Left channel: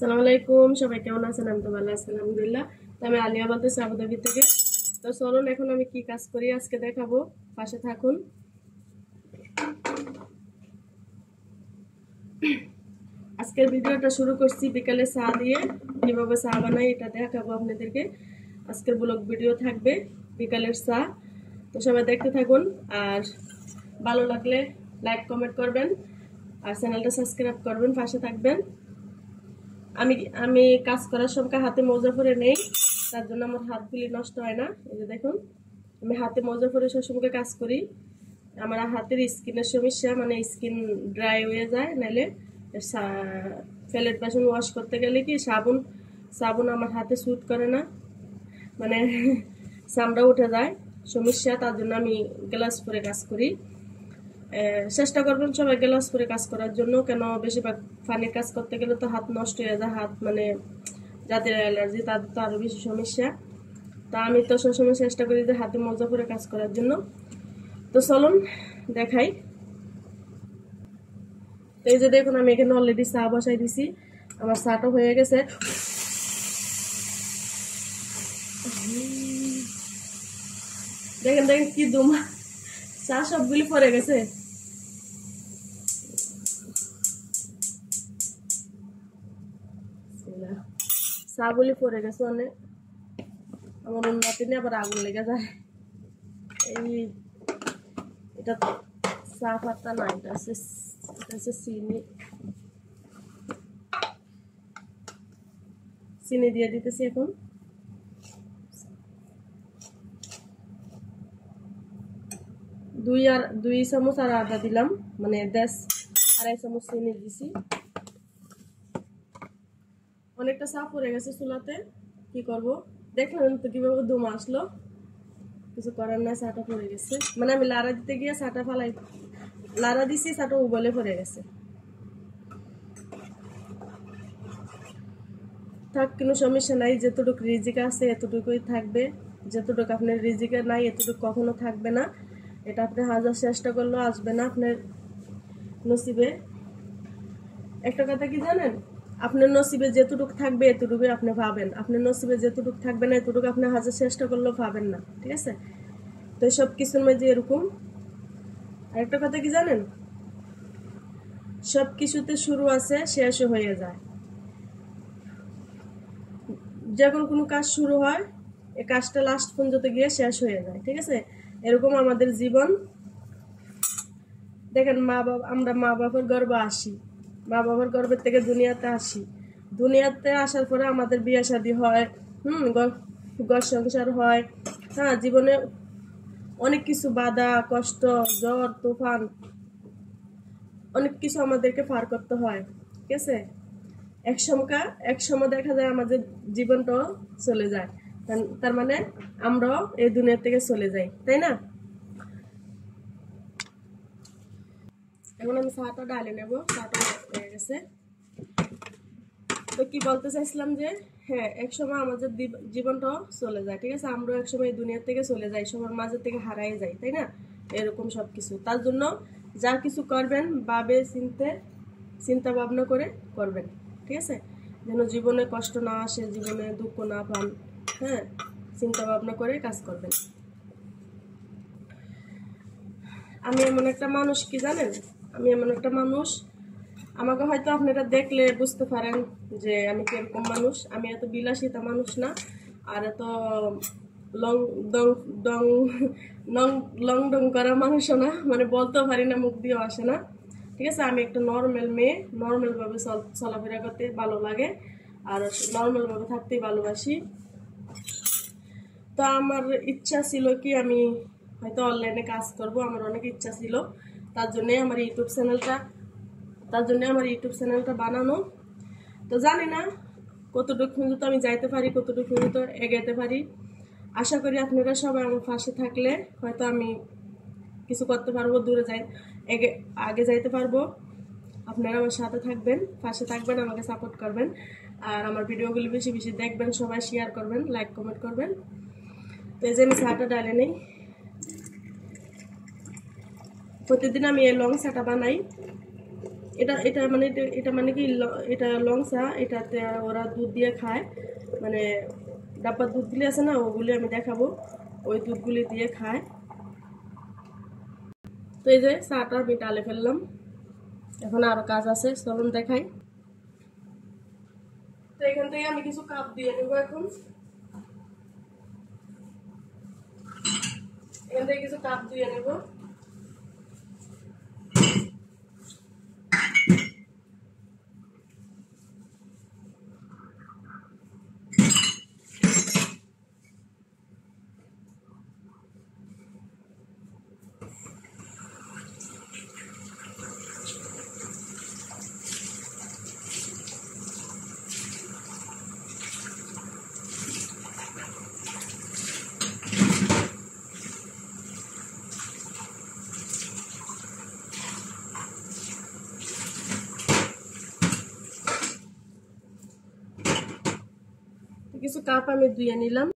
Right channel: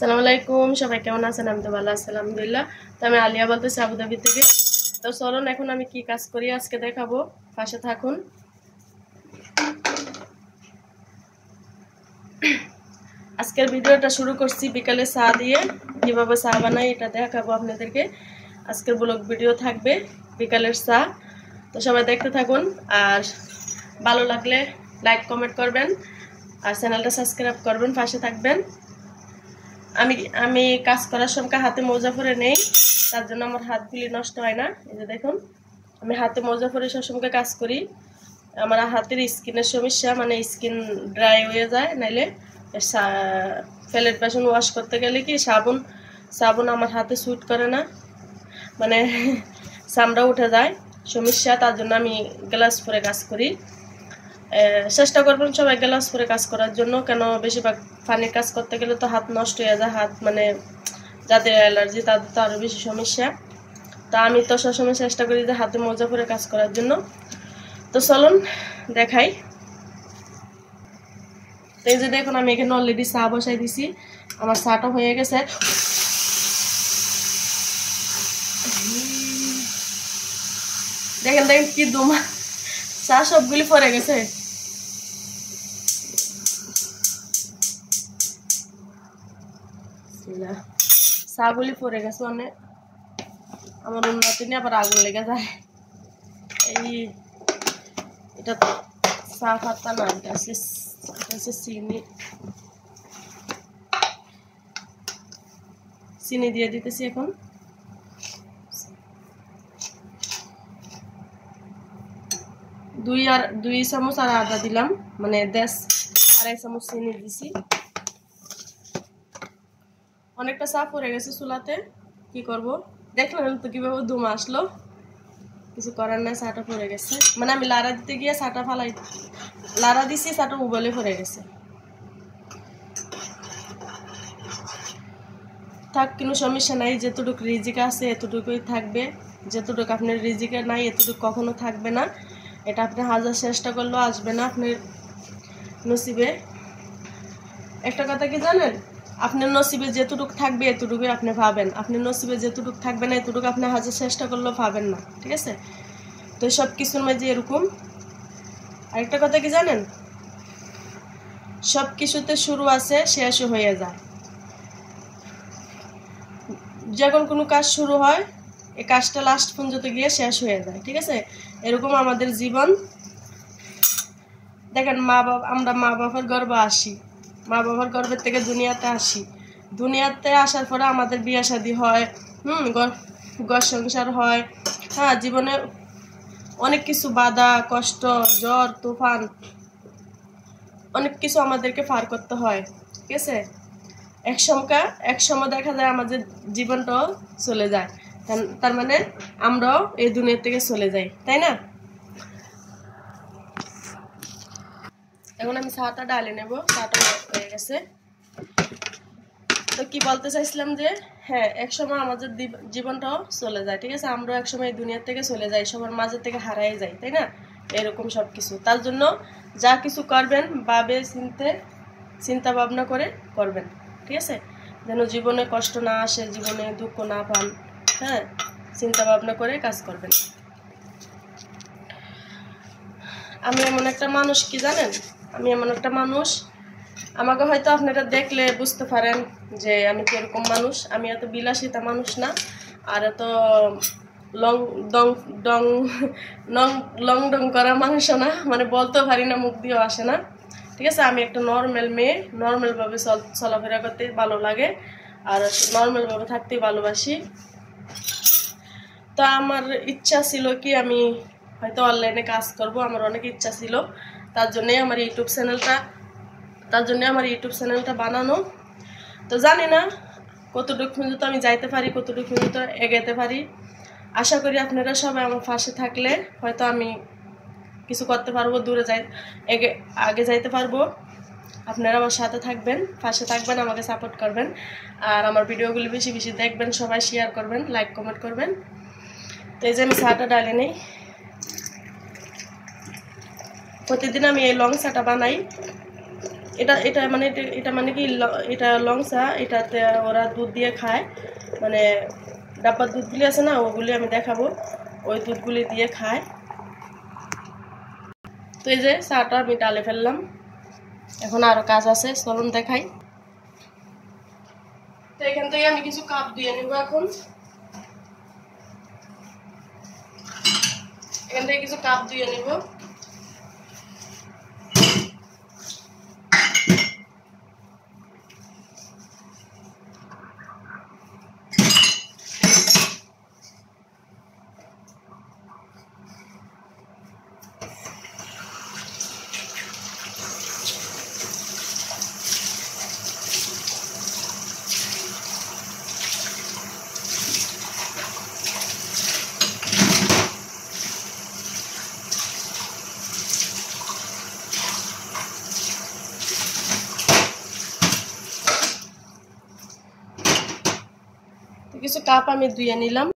আসসালামু আলাইকুম, সবাই কেমন আছেন? আমি তো ভালো আছি আলহামদুলিল্লাহ। তো আমি আলিয়া বলতেছি আবুধাবি থেকে। তো চলুন এখন আমি কি কাজ করি আজকে দেখাবো, পাশে থাকুন। আজকের ভিডিওটা শুরু করছি বিকালে চা দিয়ে, কিভাবে চা বানাই এটা দেখাবো আপনাদেরকে। আজকের ব্লগ ভিডিও থাকবে বিকালের চা। তো সবাই দেখতে থাকুন, আর ভালো লাগলে লাইক কমেন্ট করবেন, আর চ্যানেলটা সাবস্ক্রাইব করবেন, পাশে থাকবেন। আমি কাজ করার সময় হাতে মোজা পরে নেই, তার জন্য আমার হাতগুলি নষ্ট হয় না। এই যে দেখুন, আমি হাতে মোজা পরে সবসময় কাজ করি। আমার হাতের স্কিনের সমস্যা, মানে স্কিন ড্রাই হয়ে যায়, নাইলে প্লেট বাসন ওয়াশ করতে গেলে কি সাবুন আমার হাতে স্যুট করে না, মানে চামড়া উঠে যায় সমস্যা। তার জন্য আমি গ্লাভস পরে কাজ করি। চেষ্টা করবেন সবাই গ্লাভস পরে কাজ করার জন্য, কেন বেশিরভাগ পানির কাজ করতে গেলে তো হাত নষ্ট হয়ে যায়। হাত মানে যাদের অ্যালার্জি তাদের তো আরও বেশি সমস্যা। তা আমি তো সবসময় চেষ্টা করি যে হাতে মোজা পরে কাজ করার জন্য। তো চলুন দেখাই। তো এই যে দেখুন, আমি এখানে অলরেডি চা বসাই দিছি, আমার চাটা হয়ে গেছে। দেখেন দেখেন কি দুমা, চা সবগুলি পরে গেছে। চাগুলি পরে গেছে, মানে আমার উন্নতি নিয়ে আবার আগুন লেগে যায়। এটা চা পাতা না, এটা হচ্ছে চিনি দিয়ে দিতেছি এখন। দুই চামচ আর আদা দিলাম, মানে 2.5 চামচ চিনি দিছি। অনেকটা চা পড়ে গেছে চুলাতে, কি করব? দেখলেন তো কিভাবে দুম আসলো, কিছু করার নাই, চাটা পড়ে গেছে। মানে আমি লাড়া দিতে গিয়ে চাটা লাড়া দিছি, চাটা উবলে পড়ে গেছে। থাক, কোনো সমস্যা নাই, যতটুকু রিজিক আছে এতটুকুই থাকবে। যতটুকু আপনার রিজিকে নাই এতটুকু কখনো থাকবে না। এটা আপনি হাজার চেষ্টা করলেও আসবে না আপনার নসিবে। একটা কথা কি জানেন, আপনার নসিবে যেটুকু থাকবে এতটুকুই আপনি পাবেন। আপনার নসিবে যেটুকু থাকবে না এতটুকু আপনি হাজার চেষ্টা করলেও পাবেন না, ঠিক আছে? তো সব কিছুর মাঝে এরকম। আরেকটা কথা কি জানেন, সব কিছুতে শুরু আছে, শেষও হয়ে যায়। যখন কোনো কাজ শুরু হয়, এই কাজটা লাস্ট পর্যন্ত গিয়ে শেষ হয়ে যায়, ঠিক আছে? এরকম আমাদের জীবন। দেখেন, আমরা মা বাবার গর্ভে আসি, মা বাবার গর্ভের থেকে দুনিয়াতে আসি। দুনিয়াতে আসার পরে আমাদের বিয়ে শাদী হয়, ঘর সংসার হয়। হ্যাঁ, জীবনে অনেক কিছু বাধা কষ্ট, জ্বর তুফান, অনেক কিছু আমাদেরকে পার করতে হয়, ঠিক আছে? এক সময় দেখা যায় আমাদের জীবনটাও চলে যায়, তার মানে আমরাও এই দুনিয়া থেকে চলে যাই, তাই না? এখন আমি চাটা ডালে নেব, চাটা হয়ে গেছে। তো কি বলতে চাইছিলাম যে, হ্যাঁ, এক সময় আমাদের জীবনটাও চলে যায়, ঠিক আছে? আমরাও এক সময় এই দুনিয়া থেকে চলে যাই, সবার মাঝে থেকে হারাই যাই, তাই না? এরকম সব কিছু। তার জন্য যা কিছু করবেন চিন্তা ভাবনা করে করবেন, ঠিক আছে? যেন জীবনে কষ্ট না আসে, জীবনে দুঃখ না পান। হ্যাঁ, চিন্তা ভাবনা করে কাজ করবেন। আমি এমন একটা মানুষ, কি জানেন, আমি এমন একটা মানুষ, আমাকে হয়তো আপনারা দেখলে বুঝতে পারেন যে আমি কিরকম মানুষ। আমি এত বিলাসিতা মানুষ না, আর এত লং ডং করা মানুষও না, মানে বলতেও পারি না, মুখ দিয়েও আসে না, ঠিক আছে? আমি একটা নর্মাল মেয়ে, নর্মালভাবে চলাফেরা করতে ভালো লাগে, আর নর্মালভাবে থাকতে ভালোবাসি। তো আমার ইচ্ছা ছিল কি, আমি হয়তো অনলাইনে কাজ করব, আমার অনেক ইচ্ছা ছিল। তার জন্যে আমার ইউটিউব চ্যানেলটা বানানো। তো জানি না কতটুকু পর্যন্ত আমি যাইতে পারি, কতটুকু পর্যন্ত এগাইতে পারি। আশা করি আপনারা সবাই আমার পাশে থাকলে হয়তো আমি কিছু করতে পারবো, আগে যাইতে পারবো। আপনারা আমার সাথে থাকবেন, পাশে থাকবেন, আমাকে সাপোর্ট করবেন, আর আমার ভিডিওগুলি বেশি বেশি দেখবেন, সবাই শেয়ার করবেন, লাইক কমেন্ট করবেন। তো এই যে আমি চাটা ডালে নেই। প্রতিদিন আমি এই লং চাটা বানাই, এটা এটা মানে এটা মানে কি এটা লং চা, এটাতে ওরা দুধ দিয়ে খায়, মানে ডাব্বার দুধগুলি আছে না, ওগুলি আমি দেখাবো, ওই দুধগুলি দিয়ে খায়। তো এই যে চাটা আমি ডালে ফেললাম, এখন আরও কাজ আছে, চলুন দেখাই। তো এখান থেকে আমি কিছু কাপ দিয়ে নেব। এখান থেকে কিছু কাপ দিয়ে নেব। কিছু কাপ আমি ধুয়ে নিলাম।